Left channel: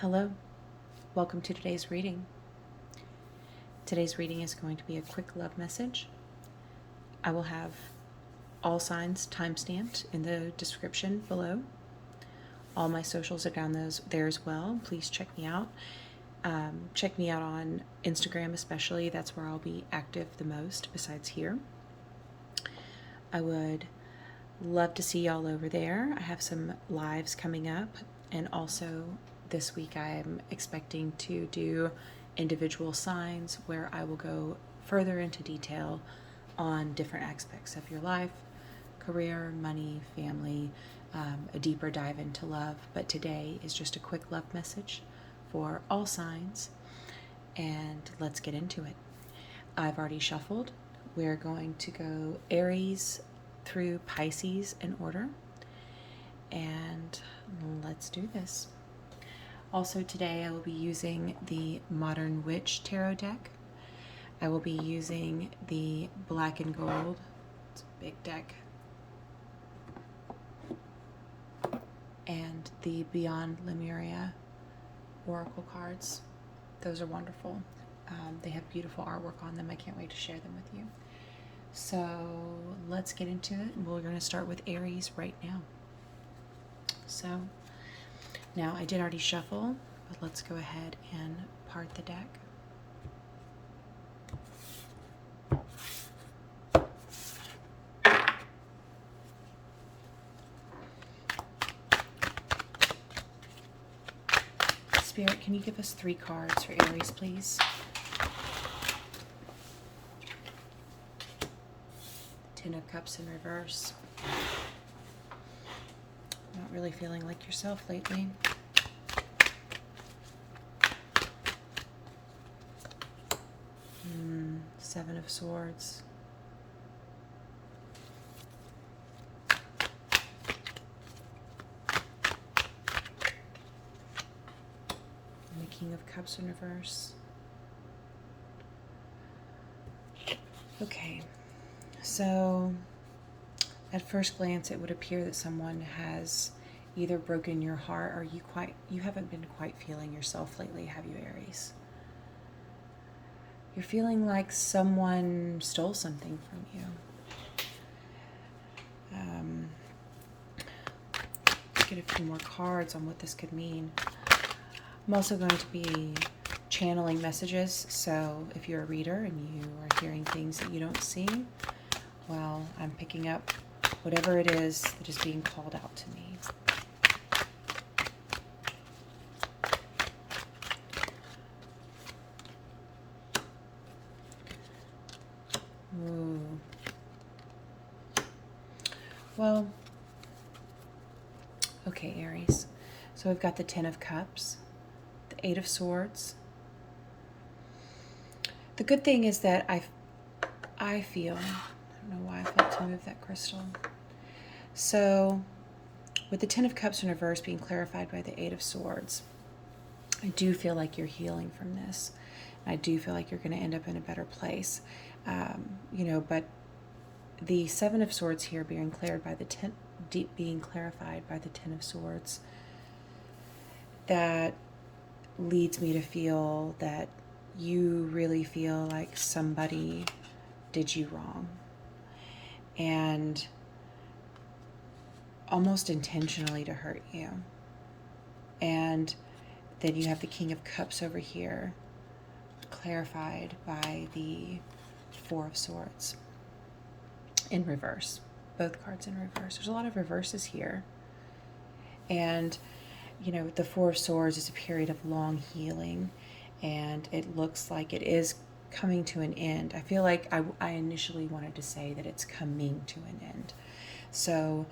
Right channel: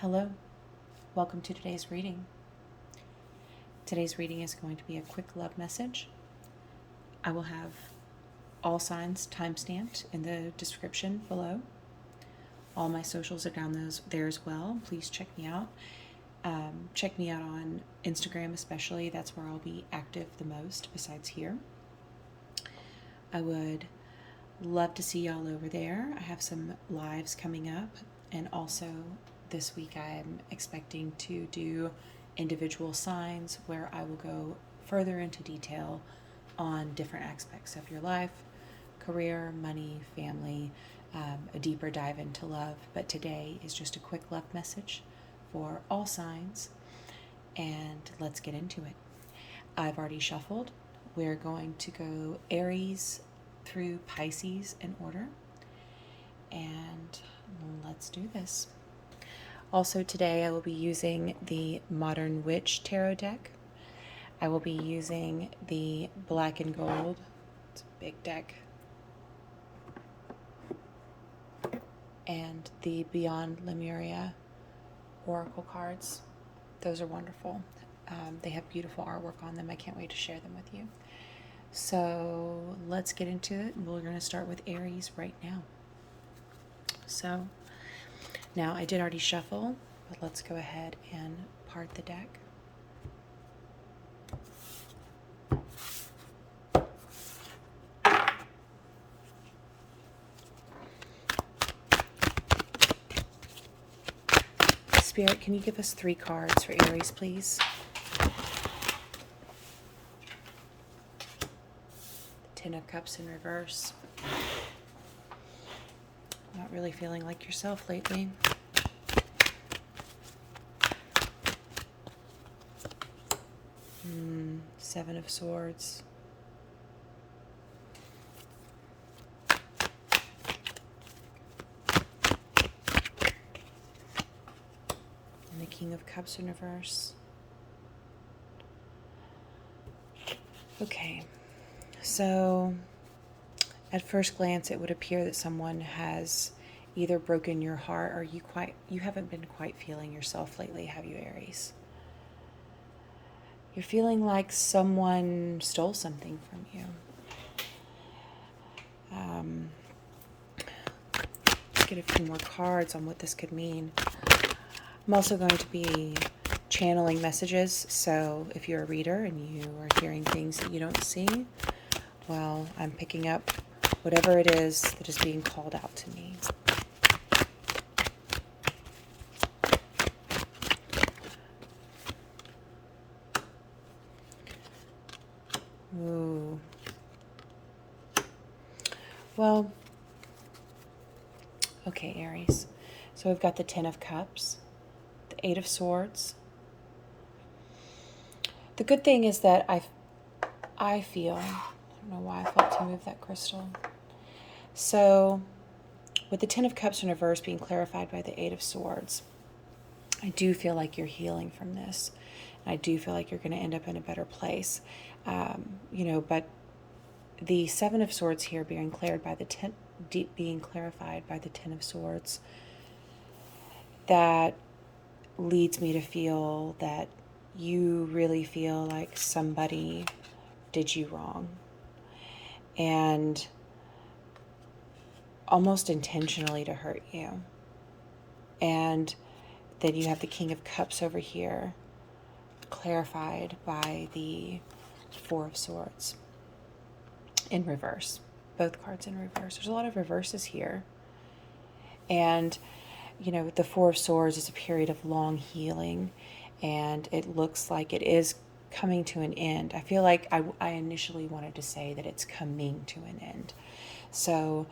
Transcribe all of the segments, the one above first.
Hello, welcome to today's reading. Today's reading is going to be a quick love message. I will have all signs timestamped in the description below. All my socials are down there as well. Please check me out. Check me out on Instagram especially. That's where I'll be active the most besides here. I would love to see y'all over there. I have some lives coming up, and also this week I am expecting to do individual signs where I will go further into detail on different aspects of your life, career, money, family, a deeper dive into love. But today is just a quick love message for all signs, and let's get into it. I've already shuffled. We're going to go Aries through Pisces in order, and let's do this. Also today I will be using the Modern Witch Tarot deck. I will be using the Black and Gold. It's a big deck. And the Beyond Lemuria Oracle cards. Those are wonderful. They have beautiful artwork on them. I can't wait to share them with you. So let's get into it. We're going to start with Aries right now. So now I did already shuffle, but let's go ahead and part the deck. Spirit, can you give us 3 cards for Aries, please? The Ten of Cups in reverse. Not really feeling like yourself lately. Seven of Swords. And the King of Cups in reverse. Okay, so at first glance, it would appear that someone has either broken your heart or you haven't been quite feeling yourself lately, have you, Aries? You're feeling like someone stole something from you. Let's get a few more cards on what this could mean. I'm also going to be channeling messages, so if you're a reader and you are hearing things that you don't see, well, I'm picking up whatever it is that is being called out to me. Ooh. Well, okay, Aries. So we've got the Ten of Cups, the Eight of Swords. The good thing is that I feel, I don't know why I felt to move that crystal. So with the Ten of Cups in reverse being clarified by the Eight of Swords, I do feel like you're healing from this. I do feel like you're going to end up in a better place. But the Seven of Swords here being clarified by the Ten of Swords, that leads me to feel that you really feel like somebody did you wrong, and almost intentionally to hurt you. And then you have the King of Cups over here clarified by the Four of Swords in reverse. Both cards in reverse. There's a lot of reverses here. And, the Four of Swords is a period of long healing, and it looks like it is coming to an end. I feel like I initially wanted to say that it's coming to an end. So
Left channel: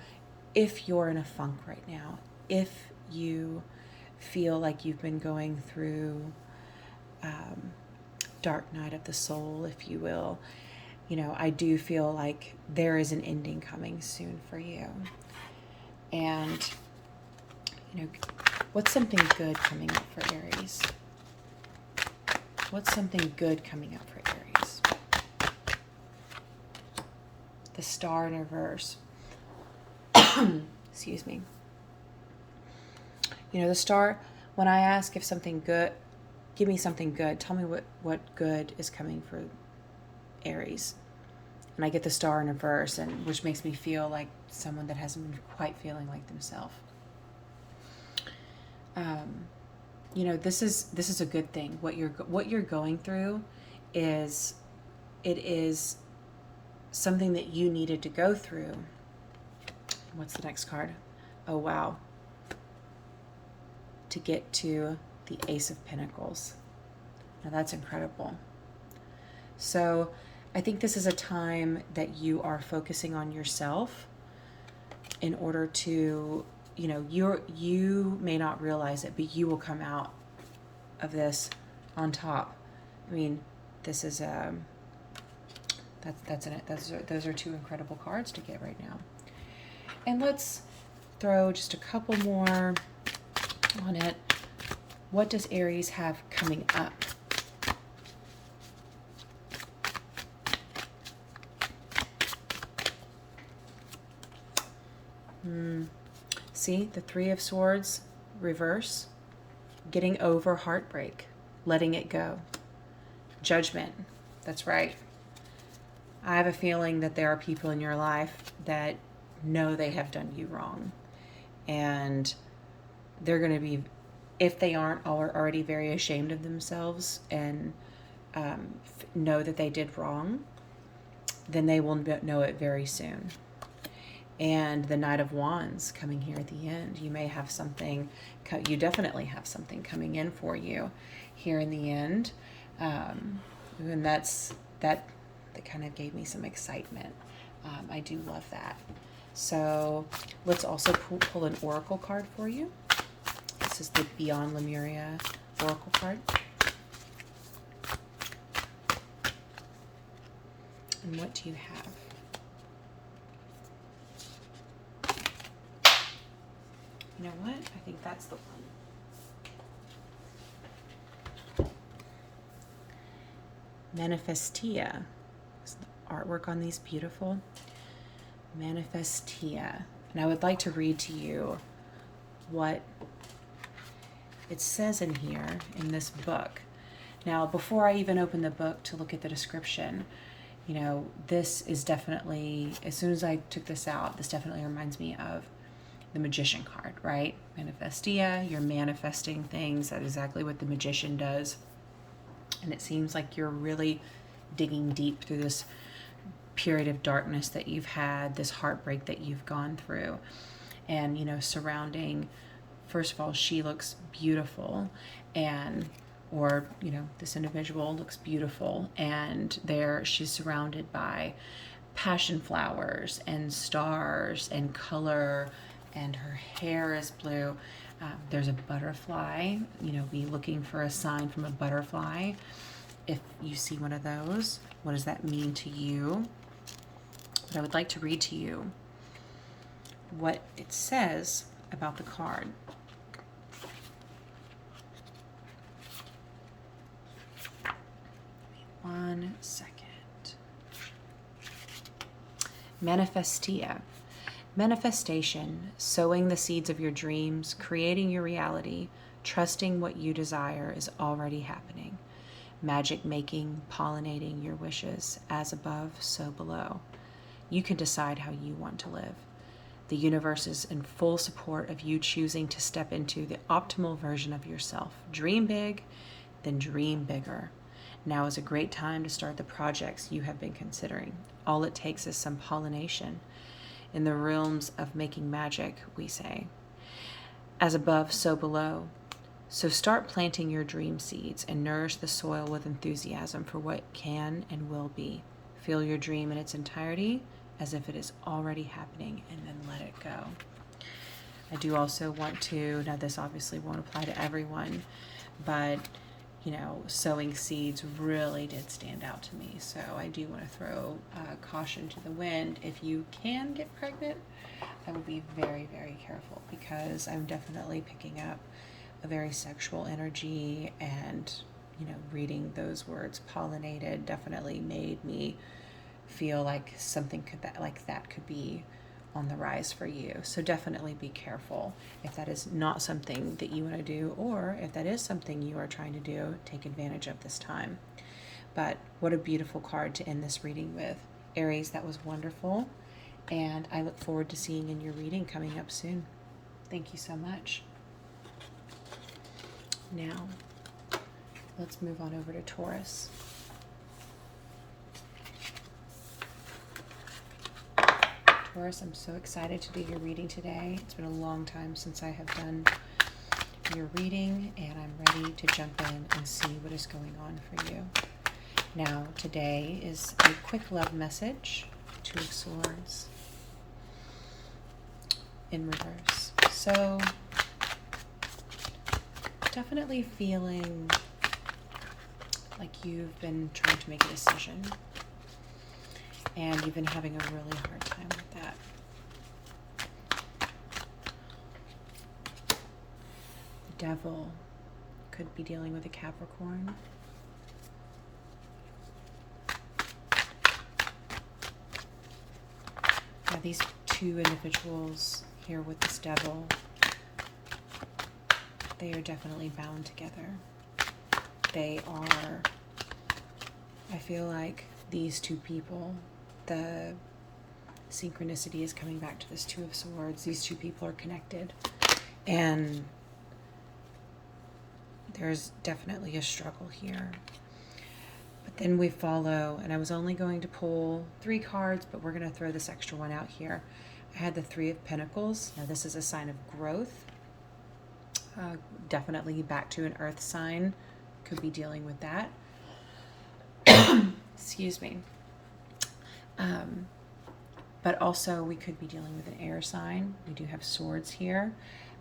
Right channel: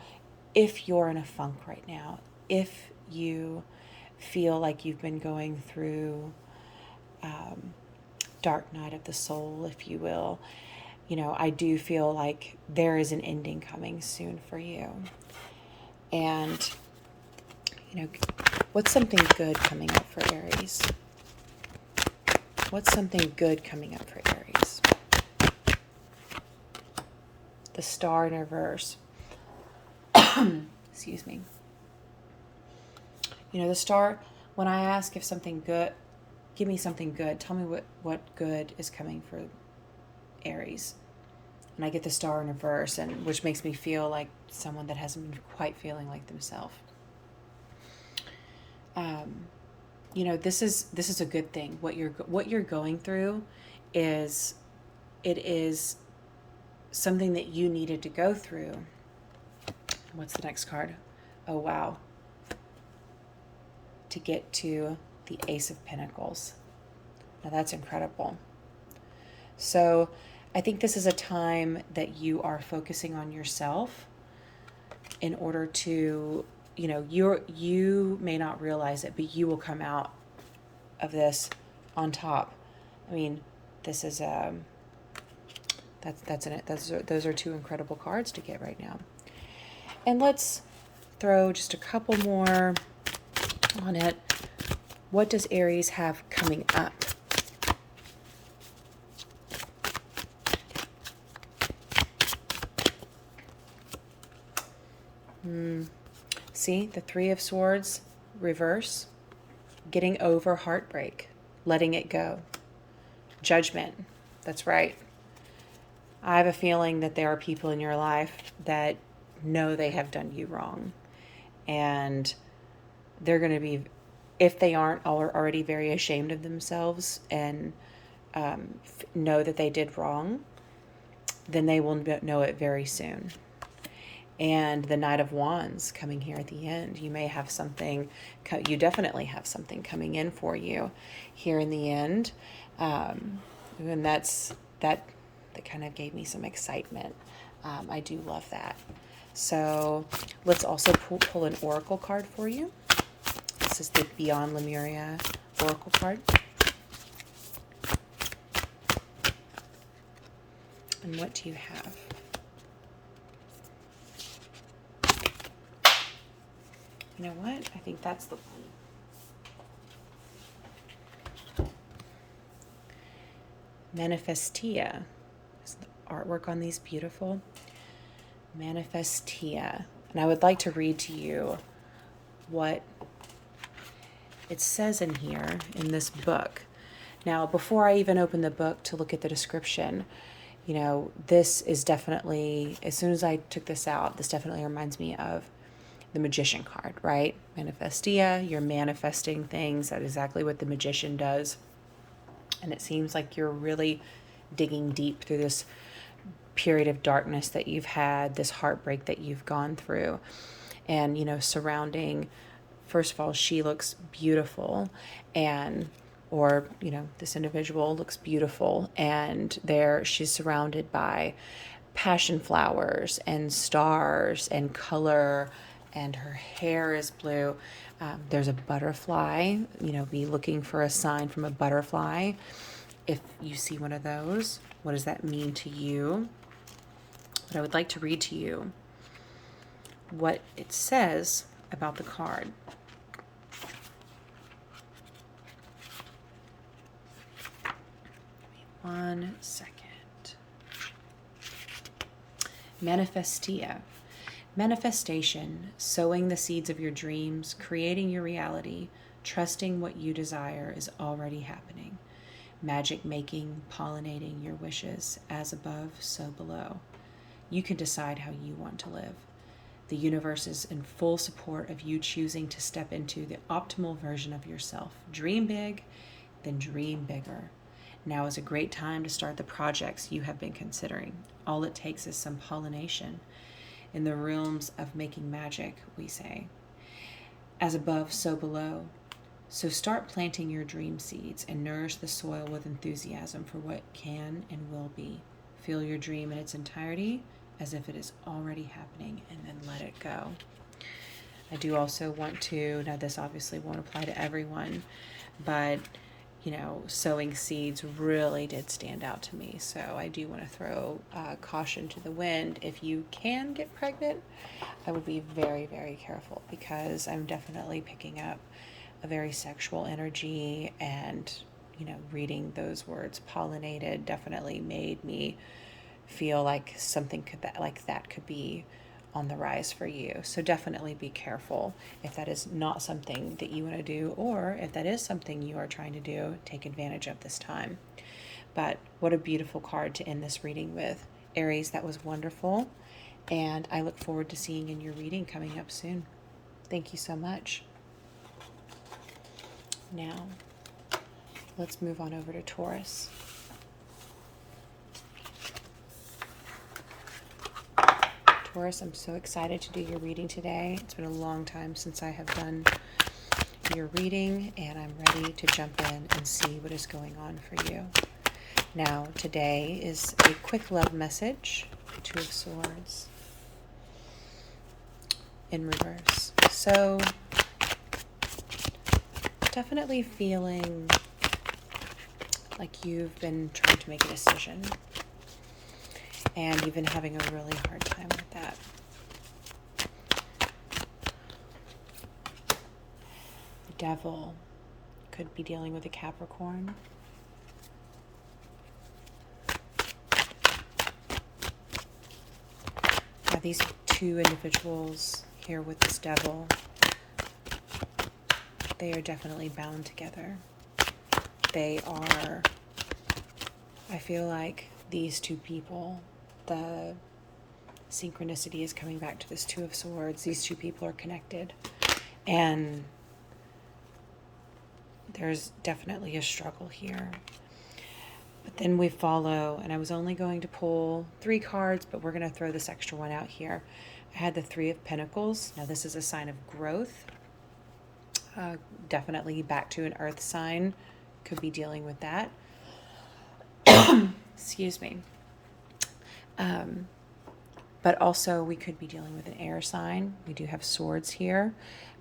if you're in a funk right now, if you feel like you've been going through dark night of the soul, if you will, I do feel like there is an ending coming soon for you. And, what's something good coming up for Aries? What's something good coming up for Aries? The Star in reverse. Excuse me. The Star, when I ask if something good, give me something good, tell me what good is coming for Aries. And I get the Star in reverse, and which makes me feel like someone that hasn't been quite feeling like themselves. This is a good thing. What you're going through is something that you needed to go through. What's the next card? Oh, wow. To get to the Ace of Pentacles. Now that's incredible. So I think this is a time that you are focusing on yourself in order to, you may not realize it, but you will come out of on top. I mean, this is those are two incredible cards to get right now. And let's throw just a couple more on it. What does Aries have coming up? See, the Three of Swords, reverse. Getting over heartbreak. Letting it go. Judgment. That's right. I have a feeling that there are people in your life that know they have done you wrong. And they're going to be, if they aren't already very ashamed of themselves and know that they did wrong, then they will know it very soon. And the Knight of Wands coming here at the end. You may have something, you definitely have something coming in for you here in the end. And that kind of gave me some excitement. I do love that. So let's also pull an oracle card for you. This is the Beyond Lemuria oracle card. And what do you have? You know what? I think that's the one. Manifestia. Is the artwork on these beautiful? Manifestia. And I would like to read to you what it says in here in this book. Now, before I even open the book to look at the description, this is definitely, as soon as I took this out, this definitely reminds me of the Magician card, right? Manifestia, you're manifesting things. That's exactly what the Magician does. And it seems like you're really digging deep through this period of darkness that you've had, this heartbreak that you've gone through. And, surrounding, first of all, she looks beautiful, this individual looks beautiful, and she's surrounded by passion flowers and stars and color, and her hair is blue. There's a butterfly, be looking for a sign from a butterfly. If you see one of those, what does that mean to you? But I would like to read to you what it says about the card. One second. Manifestia. Manifestation, sowing the seeds of your dreams, creating your reality, trusting what you desire is already happening. Magic making, pollinating your wishes, as above, so below. You can decide how you want to live. The universe is in full support of you choosing to step into the optimal version of yourself. Dream big, then dream bigger. Now is a great time to start the projects you have been considering. All it takes is some pollination. In the realms of making magic, we say. As above, so below. So start planting your dream seeds and nourish the soil with enthusiasm for what can and will be. Feel your dream in its entirety as if it is already happening, and then let it go. I do also want to, now this obviously won't apply to everyone, but sowing seeds really did stand out to me. So I do want to throw caution to the wind. If you can get pregnant, I would be very, very careful, because I'm definitely picking up a very sexual energy, and reading those words pollinated definitely made me feel like something like that could be on the rise for you. So definitely be careful if that is not something that you want to do, or if that is something you are trying to do, take advantage of this time. But what a beautiful card to end this reading with. Aries, that was wonderful. And I look forward to seeing in your reading coming up soon. Thank you so much. Now, let's move on over to Taurus. Taurus, I'm so excited to do your reading today. It's been a long time since I have done your reading, and I'm ready to jump in and see what is going on for you. Now, today is a quick love message, Two of Swords in reverse. So, definitely feeling like you've been trying to make a decision, and you've been having a really hard time with that. The Devil could be dealing with a Capricorn. Now, these two individuals here with this Devil, they are definitely bound together. They are, I feel like these two people, the synchronicity is coming back to this Two of Swords. These two people are connected, and there's definitely a struggle here. But then we follow, and I was only going to pull 3 cards, but we're going to throw this extra one out here. I had the Three of Pentacles. Now this is a sign of growth. Definitely back to an earth sign. Could be dealing with that. Excuse me. But also we could be dealing with an air sign. We do have swords here.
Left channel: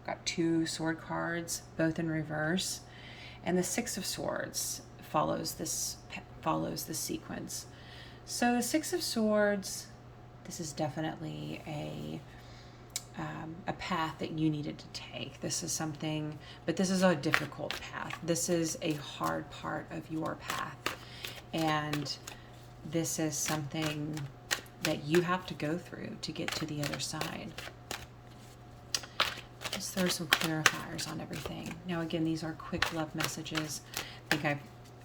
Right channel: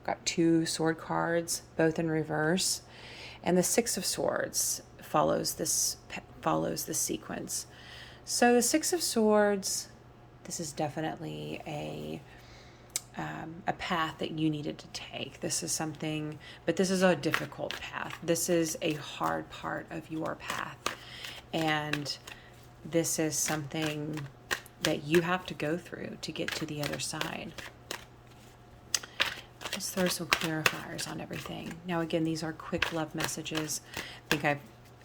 Got 2 sword cards, both in reverse. And the Six of Swords follows this sequence. So the Six of Swords, this is definitely a path that you needed to take. This is something, but this is a difficult path. This is a hard part of your path. And this is something that you have to go through to get to the other side. Let's throw some clarifiers on everything. Now, again, these are quick love messages. I think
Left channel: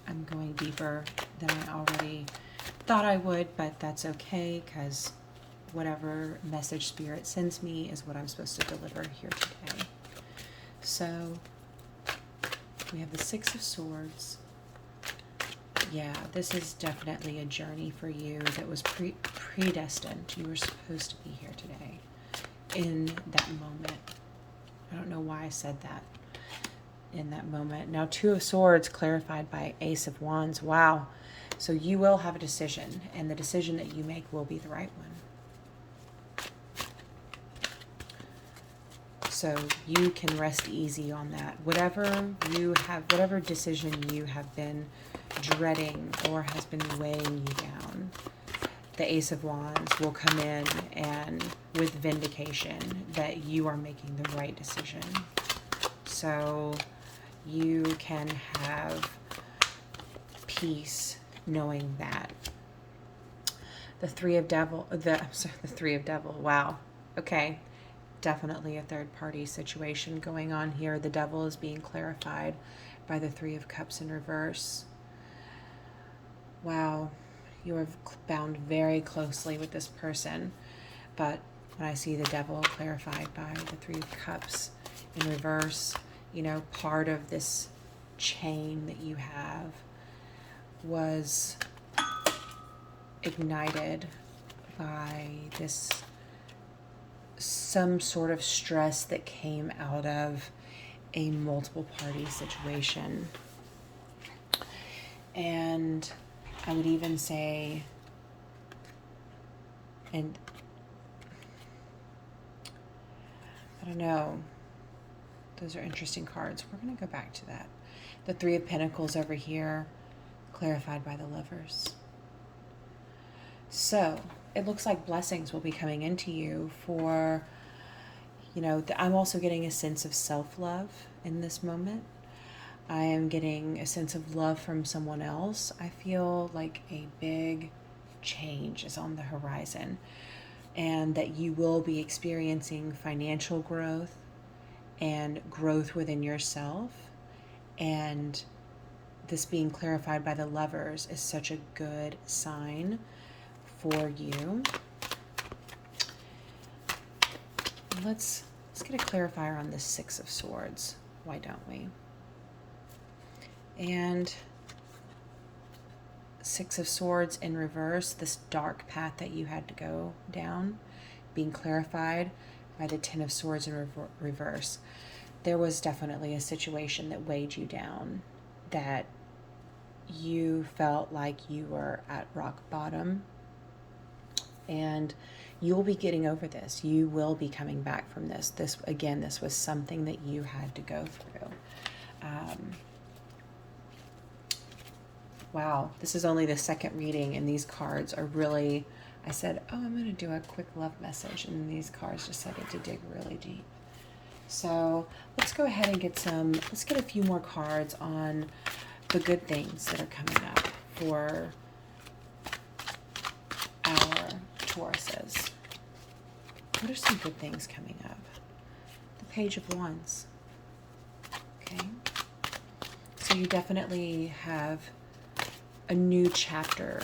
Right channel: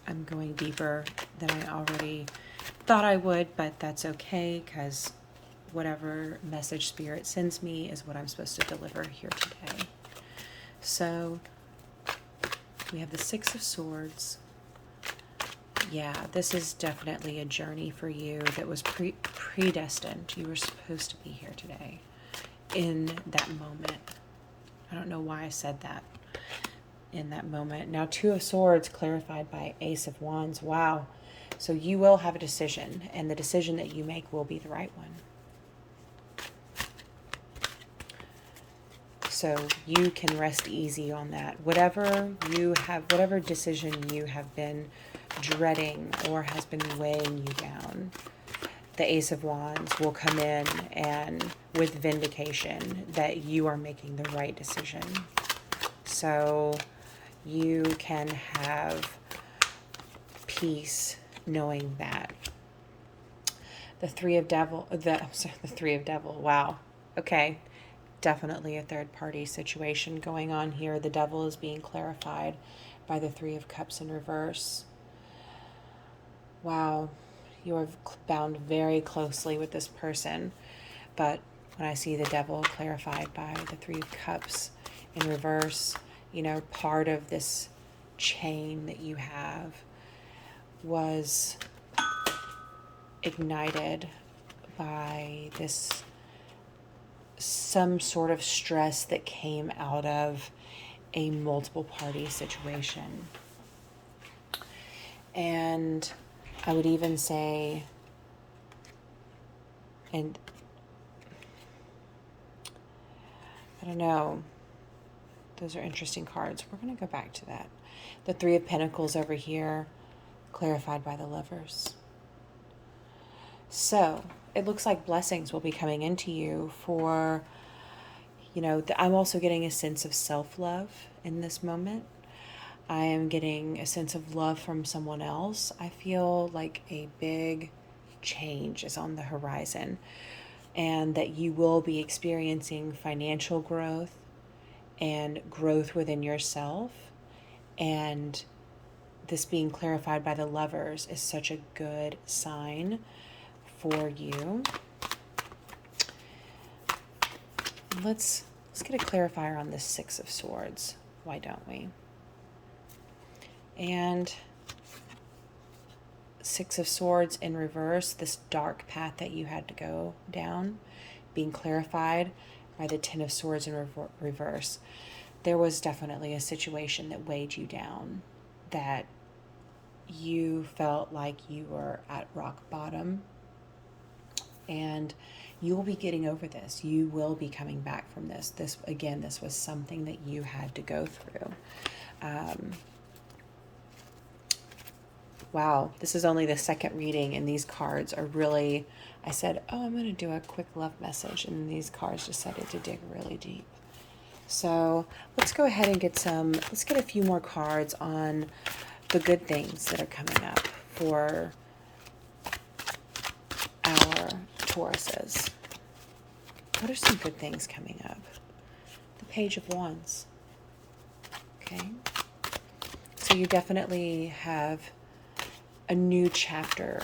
I'm going deeper than I already thought I would, but that's okay, because whatever message Spirit sends me is what I'm supposed to deliver here today. So we have the Six of Swords. Yeah, this is definitely a journey for you that was predestined. You were supposed to be here today in that moment. I don't know why I said that, in that moment. Now, Two of Swords clarified by Ace of Wands. Wow. So you will have a decision, and the decision that you make will be the right one. So you can rest easy on that. Whatever decision you have been dreading or has been weighing you down, the Ace of Wands will come in and with vindication that you are making the right decision. So you can have peace knowing that. The Three of Devil, wow. Okay. Definitely a third party situation going on here. The Devil is being clarified by the Three of Cups in reverse. Wow. You are bound very closely with this person. But when I see the Devil clarified by the Three of Cups in reverse, you know, part of this chain that you have was ignited by this some sort of stress that came out of a multiple party situation. And I would even say, and I don't know, those are interesting cards. We're going to go back to that. The Three of Pentacles over here, clarified by the Lovers. So it looks like blessings will be coming into you for, you know, I'm also getting a sense of self-love in this moment. I am getting a sense of love from someone else. I feel like a big change is on the horizon. and that you will be experiencing financial growth and growth within yourself. And this being clarified by the Lovers is such a good sign for you. Let's get a clarifier on the Six of Swords. Why don't we? And Six of Swords in reverse, this dark path that you had to go down, being clarified by the Ten of Swords in reverse. There was definitely a situation that weighed you down, that you felt like you were at rock bottom, and you will be getting over this. You will be coming back from this. This was something that you had to go through. Wow, this is only the second reading, and these cards are really, I said, oh, I'm going to do a quick love message, and these cards decided to dig really deep. So let's go ahead and let's get a few more cards on the good things that are coming up for our Tauruses. What are some good things coming up? The Page of Wands. Okay. So you definitely have a new chapter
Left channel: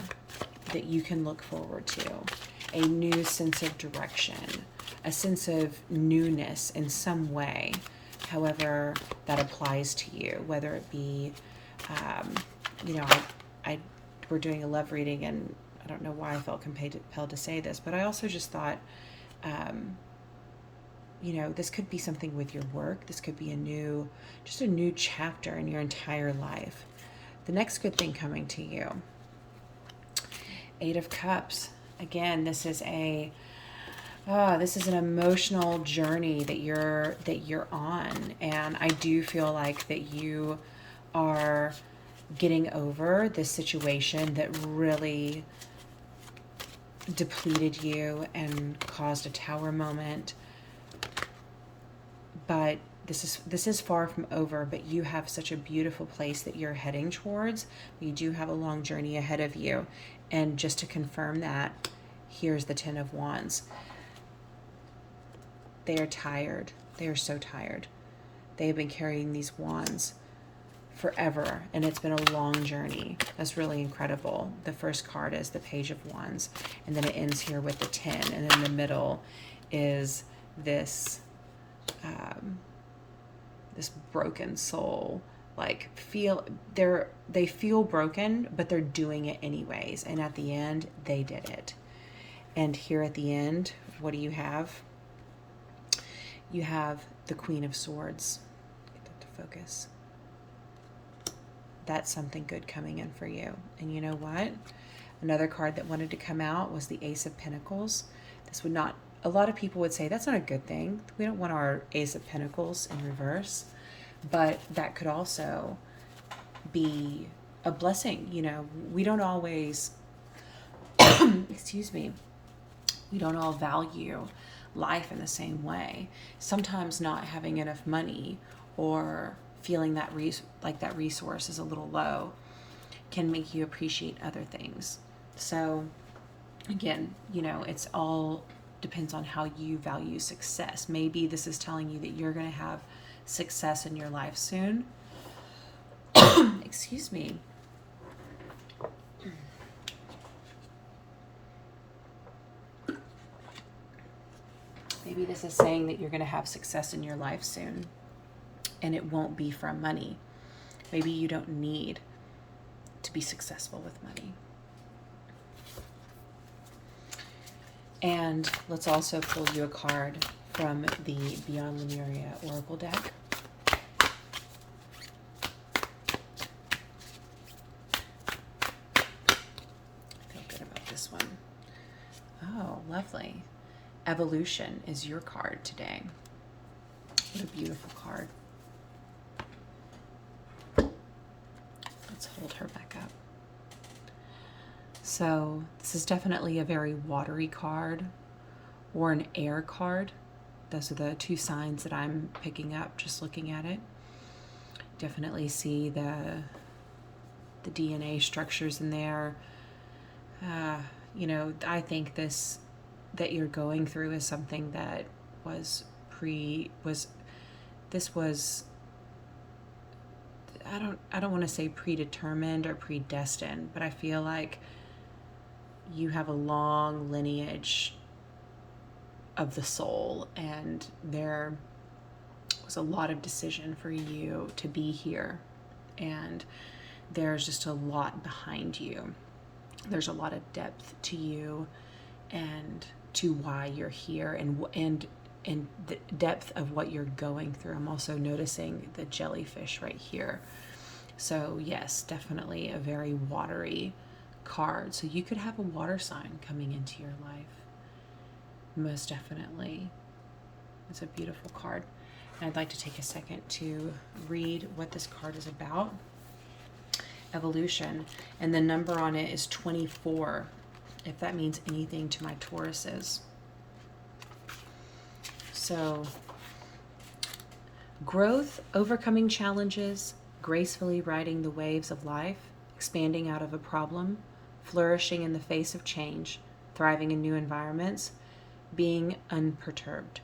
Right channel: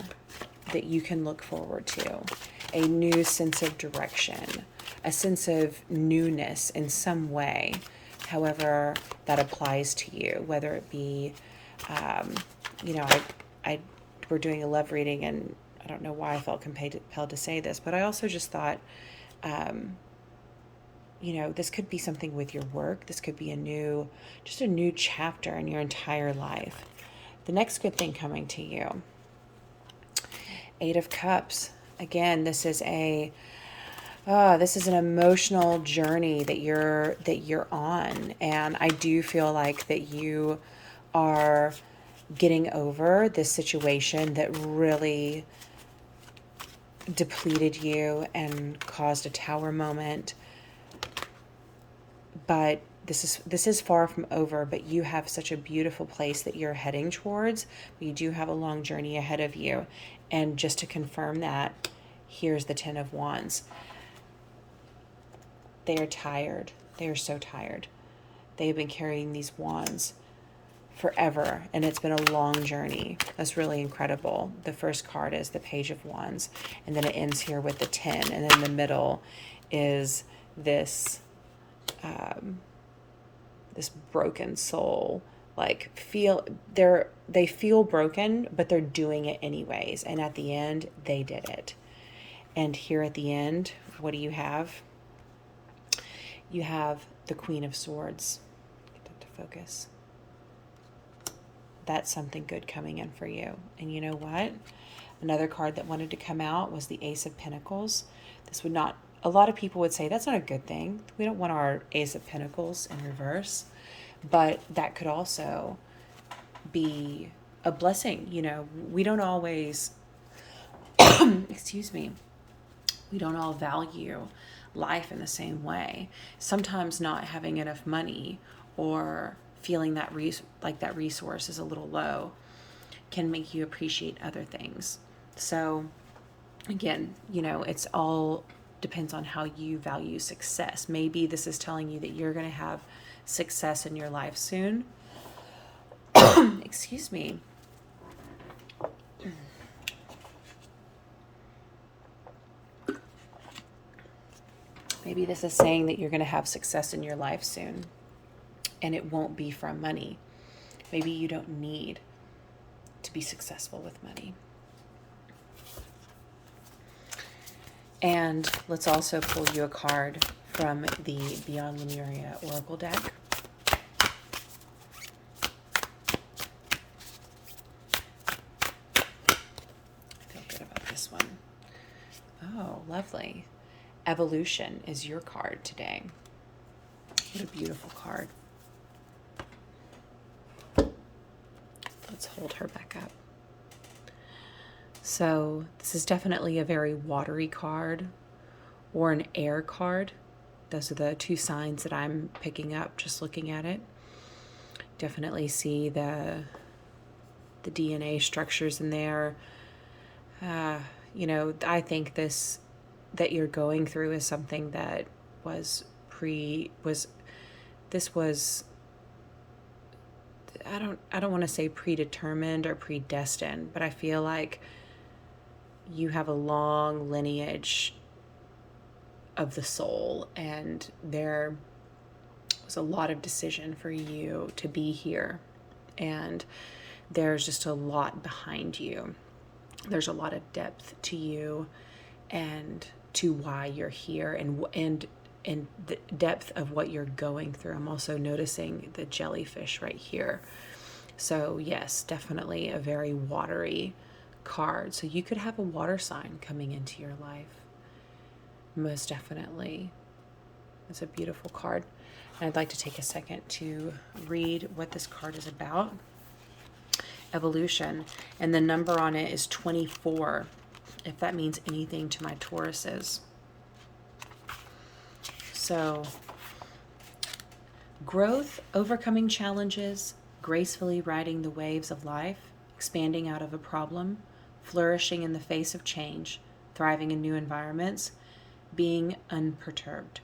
that you can look forward to, a new sense of direction, a sense of newness in some way, however that applies to you, whether it be, we're doing a love reading, and I don't know why I felt compelled to say this, but I also just thought, this could be something with your work. This could be a new chapter in your entire life. The next good thing coming to you, Eight of Cups. Again, this is an emotional journey that you're on, and I do feel like that you are getting over this situation that really depleted you and caused a tower moment. But this is far from over, but you have such a beautiful place that you're heading towards. You do have a long journey ahead of you. And just to confirm that, here's the Ten of Wands. They are tired. They are so tired. They have been carrying these wands forever, and it's been a long journey. That's really incredible. The first card is the Page of Wands, and then it ends here with the 10, and in the middle is this this broken soul. Like they feel broken, but they're doing it anyways, and at the end they did it. And here at the end, what do you have? You have the Queen of Swords. Get that to focus. That's something good coming in for you. And you know what? Another card that wanted to come out was the Ace of Pentacles. This would not, a lot of people would say that's not a good thing. We don't want our Ace of Pentacles in reverse. But that could also be a blessing. We don't always, excuse me, we don't all value life in the same way. Sometimes not having enough money or feeling that that resource is a little low can make you appreciate other things. So again, it's all depends on how you value success. Maybe this is telling you that you're going to have success in your life soon. Excuse me. Maybe this is saying that you're going to have success in your life soon, and it won't be from money. Maybe you don't need to be successful with money. And let's also pull you a card from the Beyond Lemuria Oracle deck. I feel good about this one. Oh, lovely. Evolution is your card today. What a beautiful card. Let's hold her back up. So this is definitely a very watery card or an air card. Those are the two signs that I'm picking up just looking at it. Definitely see the DNA structures in there. I think this that you're going through is something that this was, I don't want to say predetermined or predestined, but I feel like you have a long lineage of the soul, and there was a lot of decision for you to be here, and there's just a lot behind you. There's a lot of depth to you and to why you're here, and the depth of what you're going through. I'm also noticing the jellyfish right here. So yes, definitely a very watery card. So you could have a water sign coming into your life. Most definitely. It's a beautiful card. And I'd like to take a second to read what this card is about. Evolution. And the number on it is 24, if that means anything to my Tauruses. So, growth, overcoming challenges, gracefully riding the waves of life, expanding out of a problem, flourishing in the face of change, thriving in new environments, being unperturbed.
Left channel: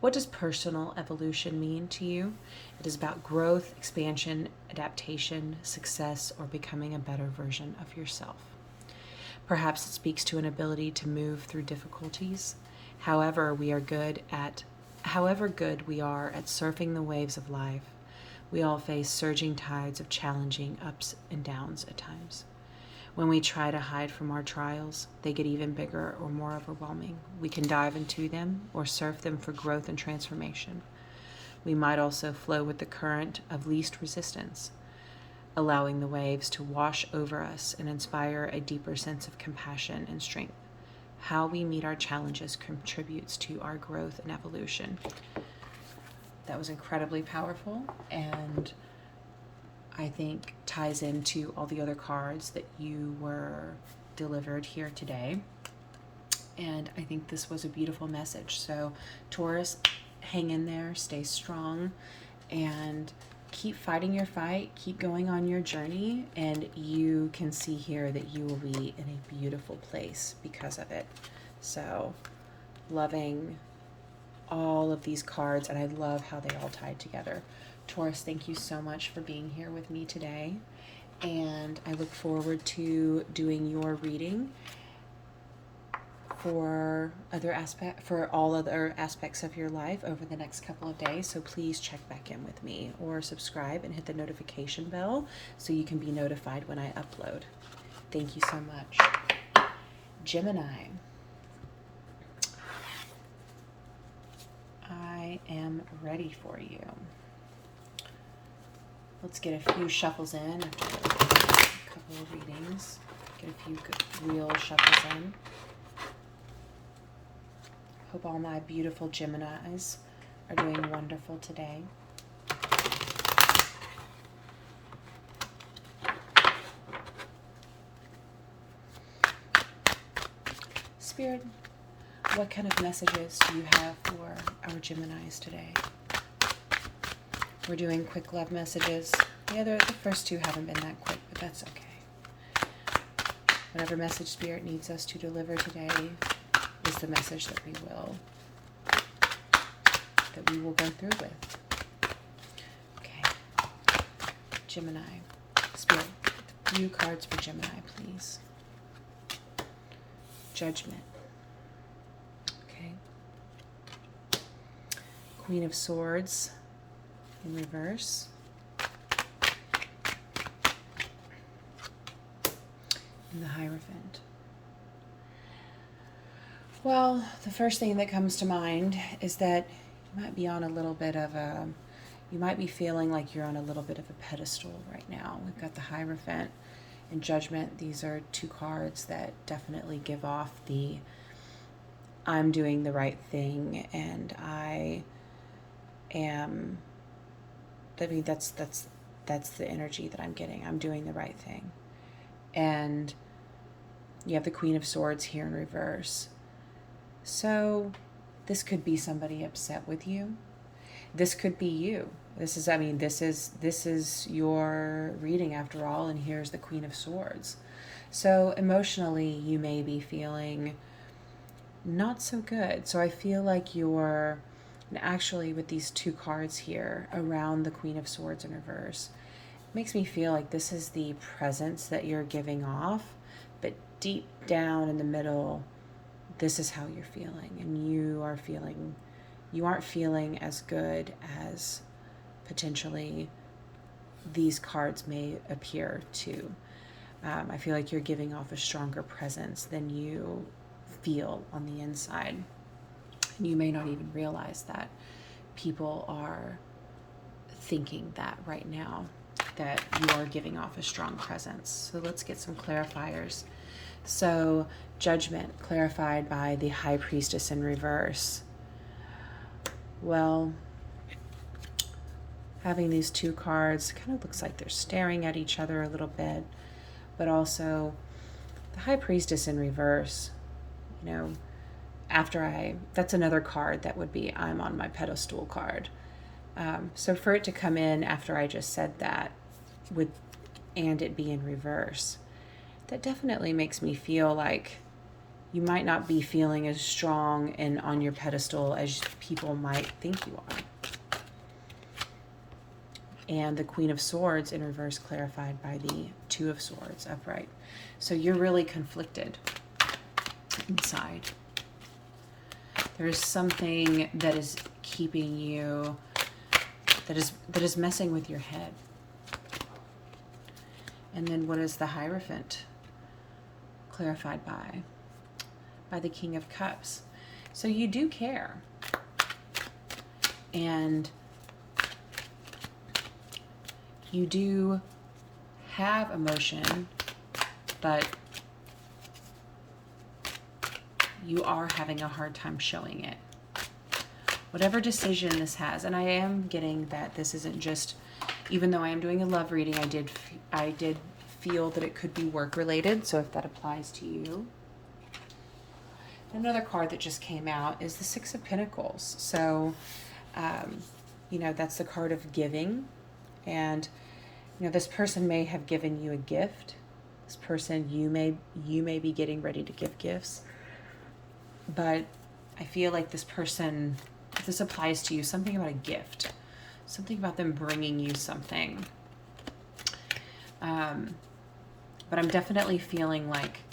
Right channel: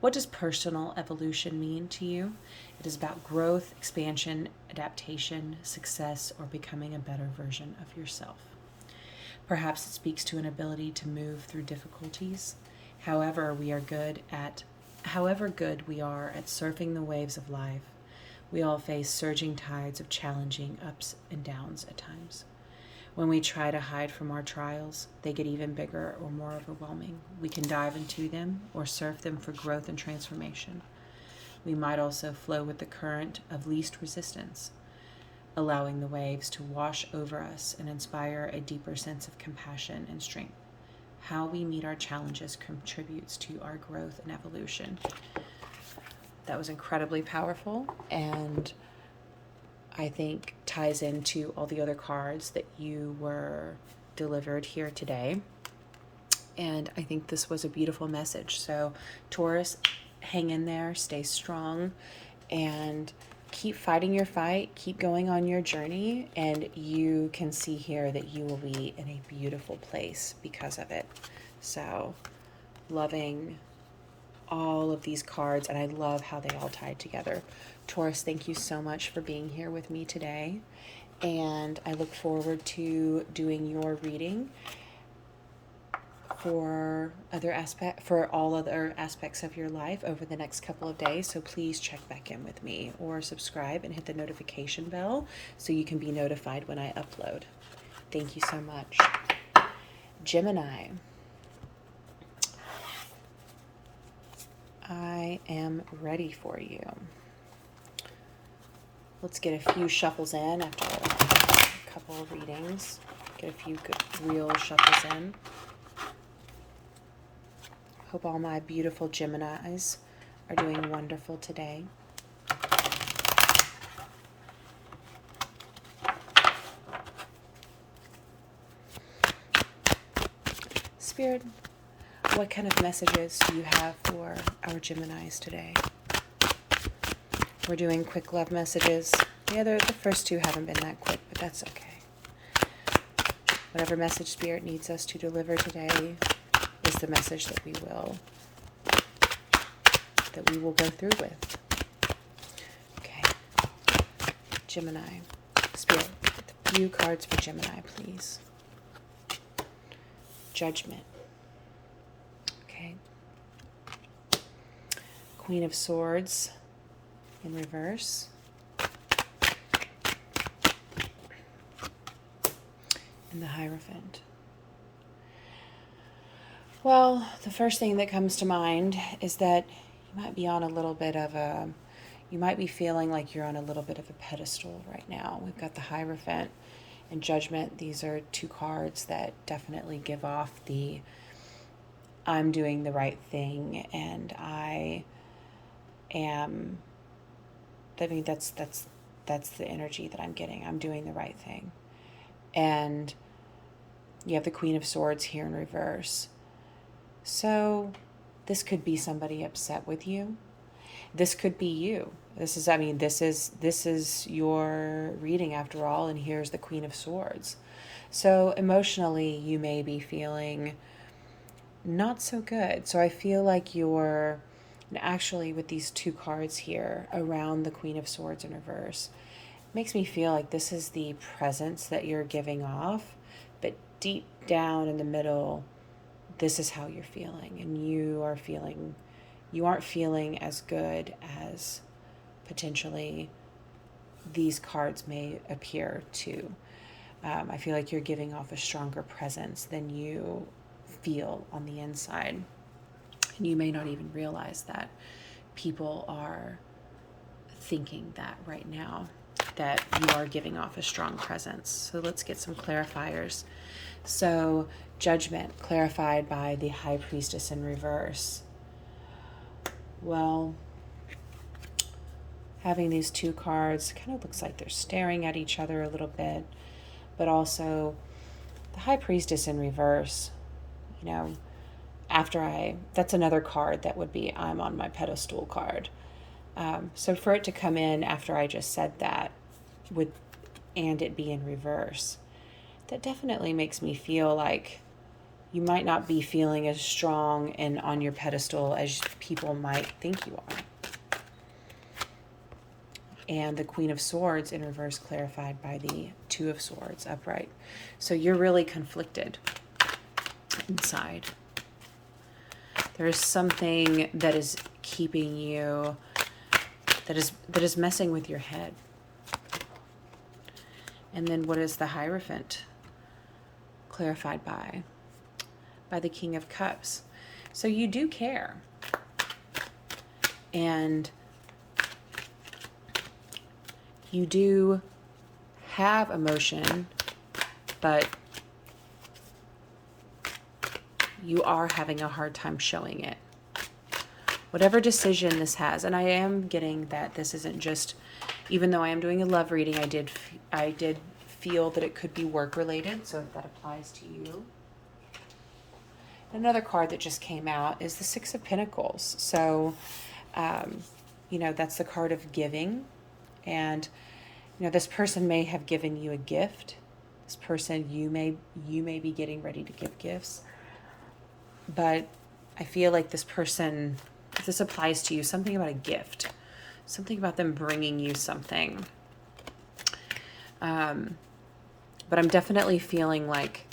What does personal evolution mean to you? It is about growth, expansion, adaptation, success, or becoming a better version of yourself. Perhaps it speaks to an ability to move through difficulties. However good we are at surfing the waves of life, we all face surging tides of challenging ups and downs at times. When we try to hide from our trials, they get even bigger or more overwhelming. We can dive into them or surf them for growth and transformation. We might also flow with the current of least resistance, allowing the waves to wash over us and inspire a deeper sense of compassion and strength. How we meet our challenges contributes to our growth and evolution. That was incredibly powerful, and I think ties into all the other cards that you were delivered here today. And I think this was a beautiful message. So Taurus, hang in there, stay strong, and keep fighting your fight, keep going on your journey, and you can see here that you will be in a beautiful place because of it. So loving all of these cards, and I love how they all tied together. Taurus, thank you so much for being here with me today, and I look forward to doing your reading for all other aspects of your life over the next couple of days. So please check back in with me or subscribe and hit the notification bell so you can be notified when I upload. Thank you so much. Gemini, I am ready for you. Let's get a few shuffles in after a couple of readings. Get a few good real shuffles in. Hope all my beautiful Geminis are doing wonderful today. Spirit, what kind of messages do you have for our Geminis today? We're doing quick love messages. The first two haven't been that quick, but that's okay. Whatever message Spirit needs us to deliver today is the message that we will go through with. Okay. Gemini. Spirit, a few cards for Gemini, please. Judgment. Okay. Queen of Swords in reverse. And the Hierophant. Well, the first thing that comes to mind is that you might be on a little bit of you might be feeling like you're on a little bit of a pedestal right now. We've got the Hierophant and Judgment. These are two cards that definitely give off the I'm doing the right thing, and that's the energy that I'm getting. I'm doing the right thing. And you have the Queen of Swords here in reverse. So this could be somebody upset with you. This could be you. This is your reading after all, and here's the Queen of Swords. So emotionally, you may be feeling not so good. So I feel like you're, and actually with these two cards here around the Queen of Swords in reverse, it makes me feel like this is the presence that you're giving off, but deep down in the middle, this is how you're feeling, and you aren't feeling as good as potentially these cards may appear to. I feel like you're giving off a stronger presence than you feel on the inside. And you may not even realize that people are thinking that right now, that you are giving off a strong presence. So let's get some clarifiers. So Judgment, clarified by the High Priestess in reverse. Well, having these two cards kind of looks like they're staring at each other a little bit, but also the High Priestess in reverse, you know, that's another card that would be I'm on my pedestal card. So for it to come in after I just said that, and it be in reverse, that definitely makes me feel like you might not be feeling as strong and on your pedestal as people might think you are. And the Queen of Swords in reverse, clarified by the Two of Swords upright. So you're really conflicted inside. There is something that is keeping you, that is messing with your head. And then what is the Hierophant? Clarified by the King of Cups. So you do care. And you do have emotion, but you are having a hard time showing it. Whatever decision this has, and I am getting that this isn't just, even though I am doing a love reading, I did feel that it could be work related, so if that applies to you. Another card that just came out is the Six of Pentacles. So, you know, that's the card of giving. And, you know, this person may have given you a gift. This person, you may be getting ready to give gifts. But I feel like this person, if this applies to you, something about a gift. Something about them bringing you something. But I'm definitely feeling like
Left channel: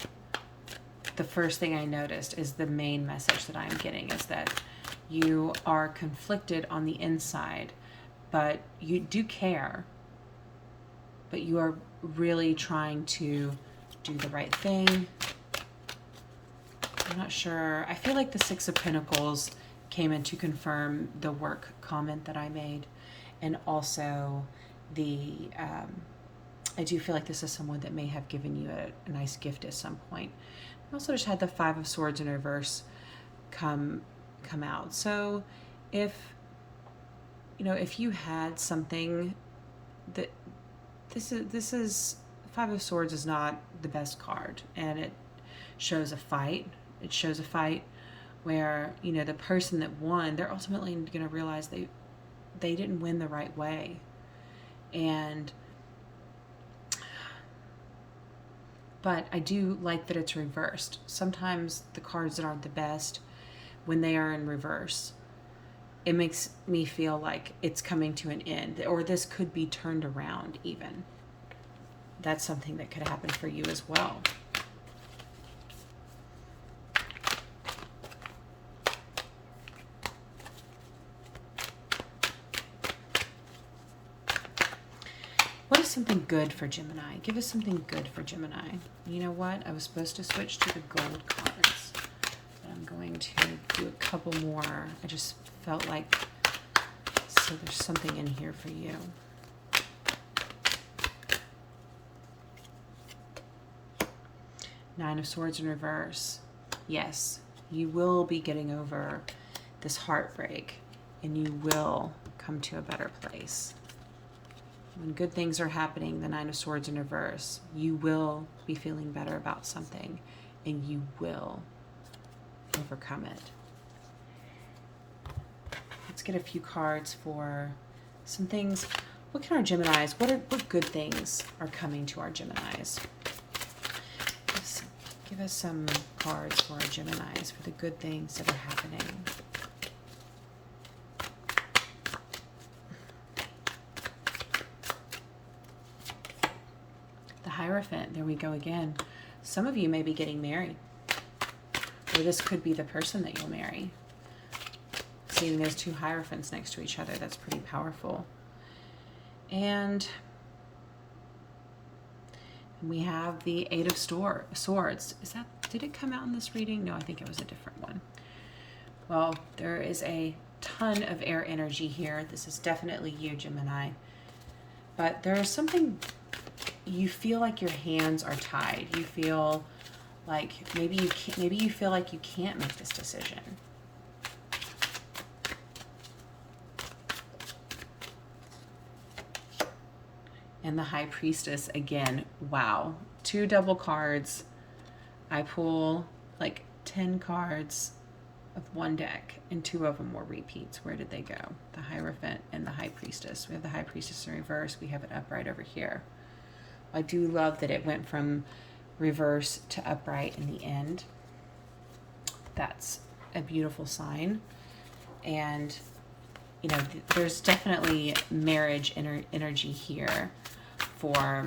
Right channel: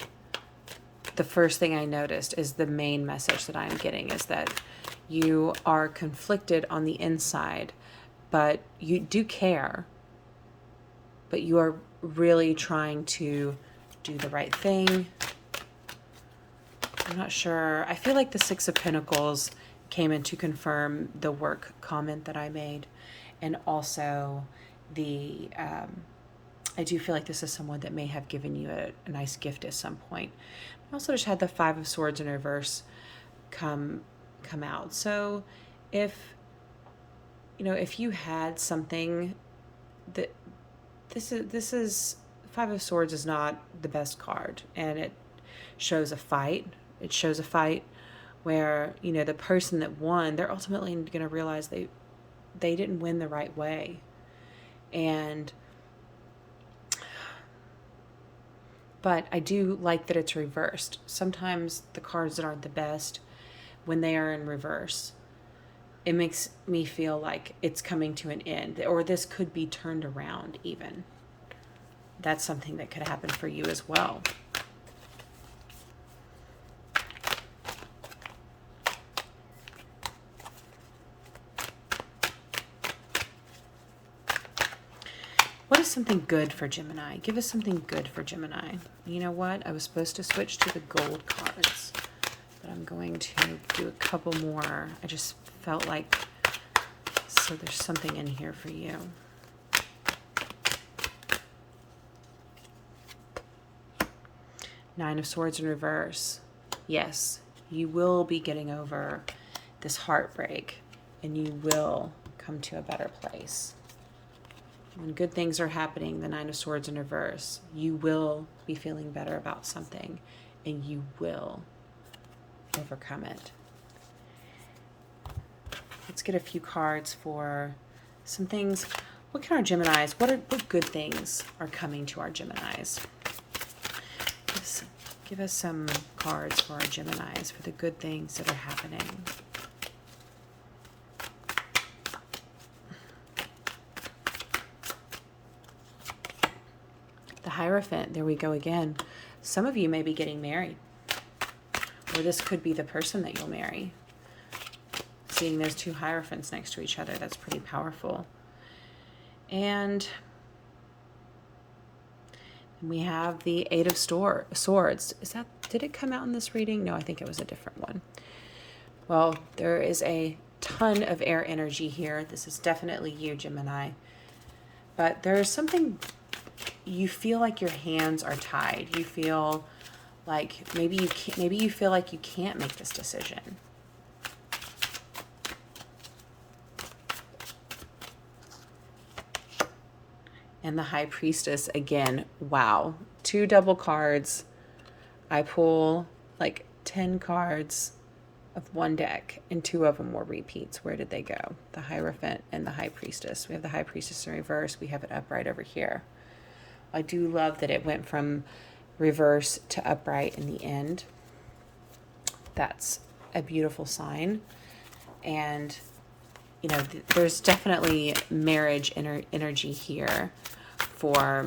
the first thing I noticed is the main message that I'm getting is that you are conflicted on the inside, but you do care, but you are really trying to do the right thing. I'm not sure. I feel like the Six of Pentacles came in to confirm the work comment that I made, and also the I do feel like this is someone that may have given you a nice gift at some point. I also just had the Five of Swords in reverse come out. So if, you know, if you had something that this is Five of Swords is not the best card, and it shows a fight. It shows a fight where, you know, the person that won, they're ultimately going to realize they didn't win the right way. But I do like that it's reversed. Sometimes the cards that aren't the best, when they are in reverse, it makes me feel like it's coming to an end, or this could be turned around even. That's something that could happen for you as well. What is something good for Gemini? Give us something good for Gemini. You know what? I was supposed to switch to the gold cards, but I'm going to do a couple more. I just felt like, so there's something in here for you. Nine of Swords in reverse. Yes, you will be getting over this heartbreak, and you will come to a better place. When good things are happening, the Nine of Swords in reverse, you will be feeling better about something, and you will overcome it. Let's get a few cards for some things. What kind of Geminis? What good things are coming to our Geminis? Let's Give us some cards for our Geminis for the good things that are happening. The Hierophant, there we go again. Some of you may be getting married, or this could be the person that you'll marry. Seeing those two Hierophants next to each other, that's pretty powerful. And we have the Eight of Swords. Did it come out in this reading? No, I think it was a different one. Well, there is a ton of air energy here. This is definitely you, Gemini. But there is something, you feel like your hands are tied. You feel like maybe you feel like you can't make this decision. And the High Priestess again. Wow. 2 double cards. I pull like 10 cards of one deck, and 2 of them were repeats. Where did they go? The Hierophant and the High Priestess. We have the High Priestess in reverse. We have it upright over here. I do love that it went from reverse to upright in the end. That's a beautiful sign. And, you know, there's definitely marriage energy here for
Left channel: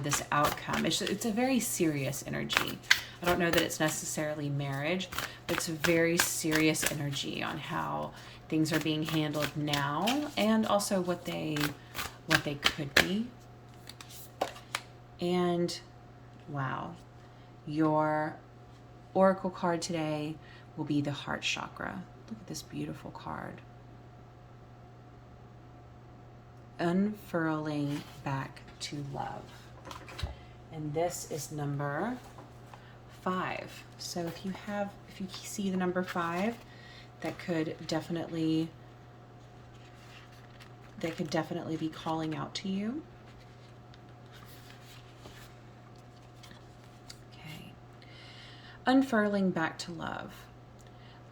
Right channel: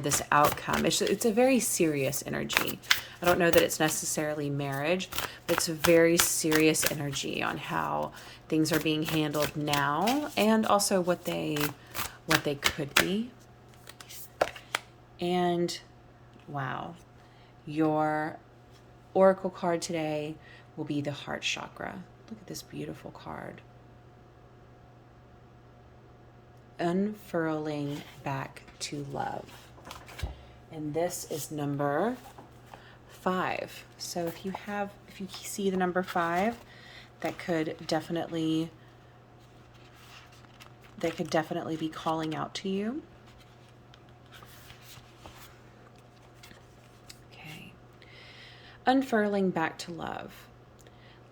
this outcome. It's a very serious energy. I don't know that it's necessarily marriage, but it's a very serious energy on how things are being handled now, and also what they could be. And wow, your oracle card today will be the Heart Chakra. Look at this beautiful card. Unfurling back to love. And this is number 5. So if you see the number 5, that could definitely be calling out to you. Okay. Unfurling back to love.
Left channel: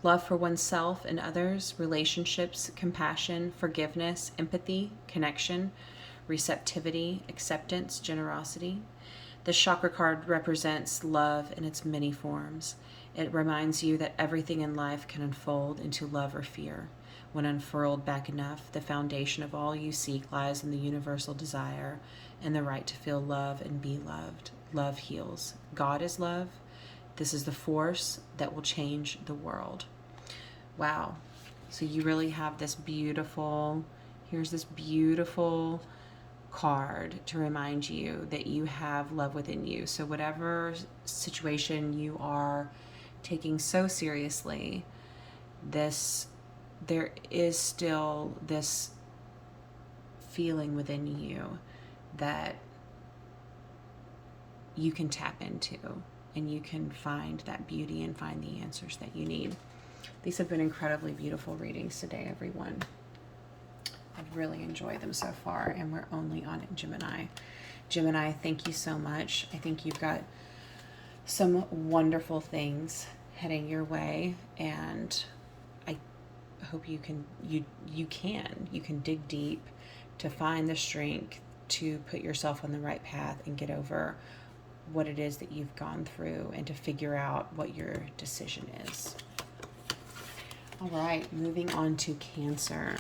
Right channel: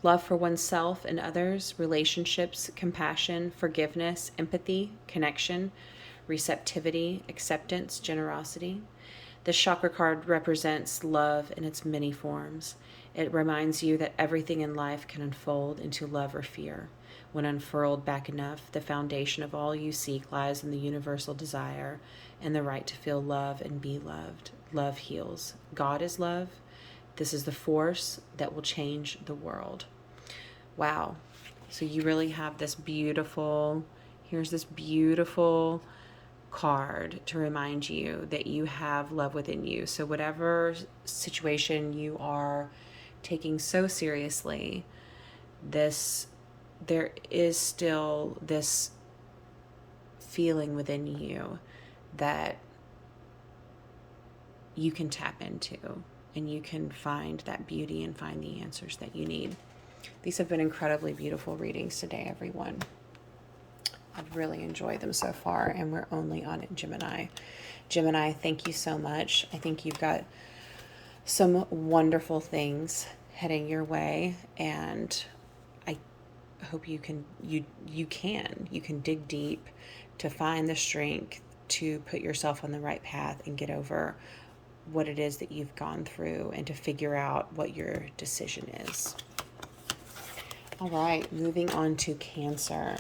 Love for oneself and others, relationships, compassion, forgiveness, empathy, connection, receptivity, acceptance, generosity. The chakra card represents love in its many forms. It reminds you that everything in life can unfold into love or fear. When unfurled back enough, the foundation of all you seek lies in the universal desire and the right to feel love and be loved. Love heals. God is love. This is the force that will change the world. Wow. So you really have this beautiful, here's this beautiful card to remind you that you have love within you. So whatever situation you are taking so seriously, there is still this feeling within you that you can tap into, and you can find that beauty and find the answers that you need. These have been incredibly beautiful readings today, everyone. I've really enjoyed them so far, and we're only on Gemini. Gemini, thank you so much. I think you've got some wonderful things heading your way, and I hope you can dig deep to find the strength to put yourself on the right path and get over what it is that you've gone through, and to figure out what your decision is. All right, moving on to Cancer.